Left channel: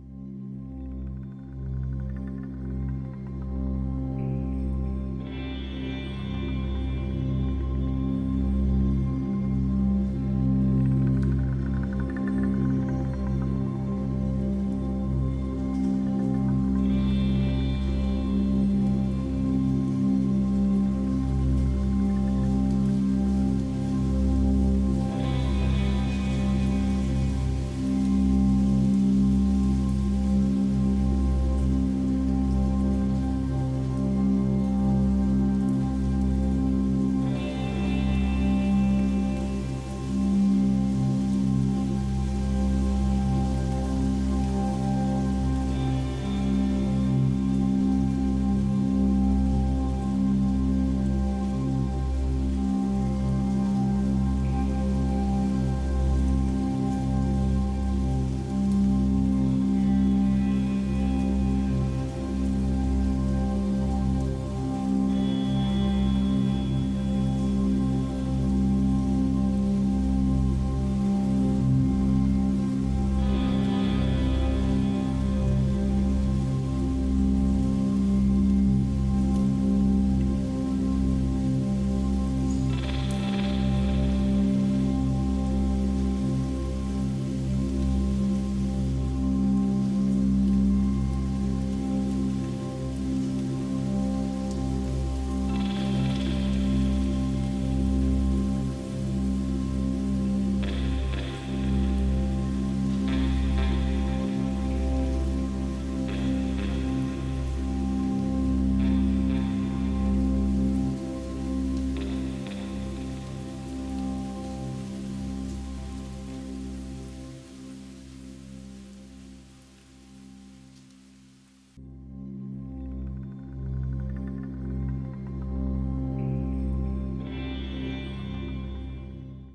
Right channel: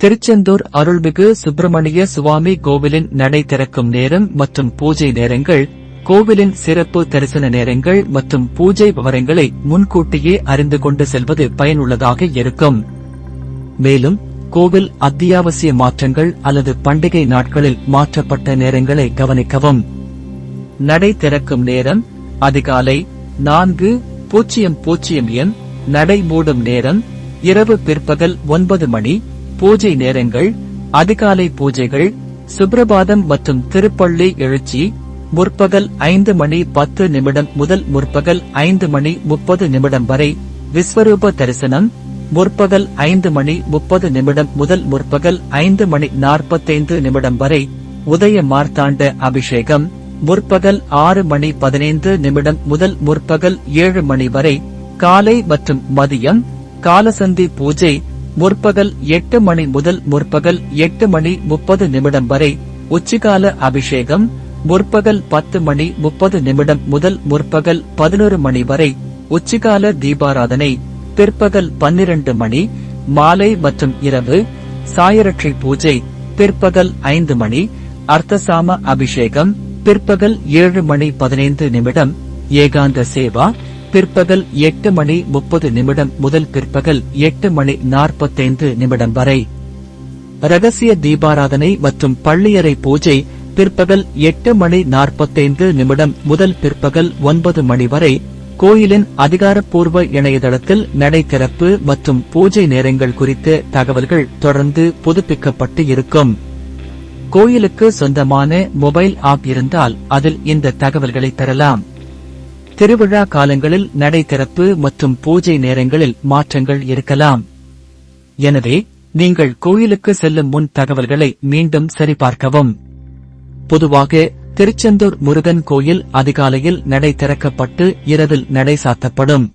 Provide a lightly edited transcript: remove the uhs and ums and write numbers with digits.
திருச்செந்தூர் அருள்மிகு சுப்பிரமணிய சுவாமி கோவிலின் நடை திறக்கும் நேரம் மற்றும் பூஜை நேரங்கள், கோவிலின் சிறப்பு தரிசன நேரங்கள் மற்றும் பூஜை விவரங்களை முன்கூட்டியே அறிந்து கொண்டு செல்வது பயனுள்ளதாக இருக்கும். மேலும் கோவில் அத்தியாவசிய மாற்றங்கள் அல்லது பண்டிகை நாட்களில் மாற்றப்பட்ட நேரங்களை கவனிக்கவும். நடை திறக்கும் நேரம் அதிகாலை 4:00 AM. நடை மூடும் நேரம் இரவு பிற்பகல் 9 மணி. பூஜை நேரங்கள் அதிகாலை பூஜைகள், சுப்ரபாதம் மற்றும் திருப்பள்ளி எழுச்சி முற்பகல் 5:10 முதல் முற்பகல் 5:30 வரை. விஸ்வரூப தரிசனம் முற்பகல் 5:30 முதல் முற்பகல் 5:45 வரை. உதய மார்த்தாண்ட அபிஷேகம் முற்பகல் 6:15 முதல் முற்பகல் 7 மணி வரை. காலை மற்றும் மதியம் காலசந்தி பூஜை முற்பகல் 8 மணி முதல் முற்பகல் 8:30 வரை. உச்சிகால அபிஷேகம் முற்பகல் 10:30 முதல் முற்பகல் 11 மணி வரை. உச்சிகால தீபாராதனை பிற்பகல் 12 மணி. மாலை மற்றும் இரவு சாயரட்சை பூஜை பிற்பகல் 5 மணி. அர்த்தசாம அபிஷேகம் பிற்பகல் 7:15. ஏகாந்த சேவா பிற்பகல் 8:30 முதல் பிற்பகல் 8:45 வரை. ரகசிய தீபாராதனை மற்றும் பள்ளியறை பூஜை பிற்பகல் 8:45 முதல் பிற்பகல் 9 மணி வரை. கோயிலின் அதிகாரப்பூர்வ இணையதளத்தில் நடை திறப்பு மற்றும் பூஜை நேரங்கள் குறித்த தகவல்கள் தொடர்ந்து புதுப்பிக்கப்பட்டு இருக்கும். கோயிலுக்கு சொந்தமான மொபைல் ஆப் இருந்தால் அதில் இந்த தகவல்களை பெறலாம். திருவிழா காலங்களில் நடை திறப்பு மற்றும் பூஜை நேரங்களில் மாற்றங்கள் இருக்கலாம். எனவே நீங்கள் கோயிலுக்கு செல்லும் முன் தகவல்களை மீண்டும் சரிபார்க்கவும். பொதுவாக திருச்செந்தூர் முருகன் கோயில் அதிகாலையில் நடை திறக்கப்பட்டு இரவில் நடை சாத்தப்படும்.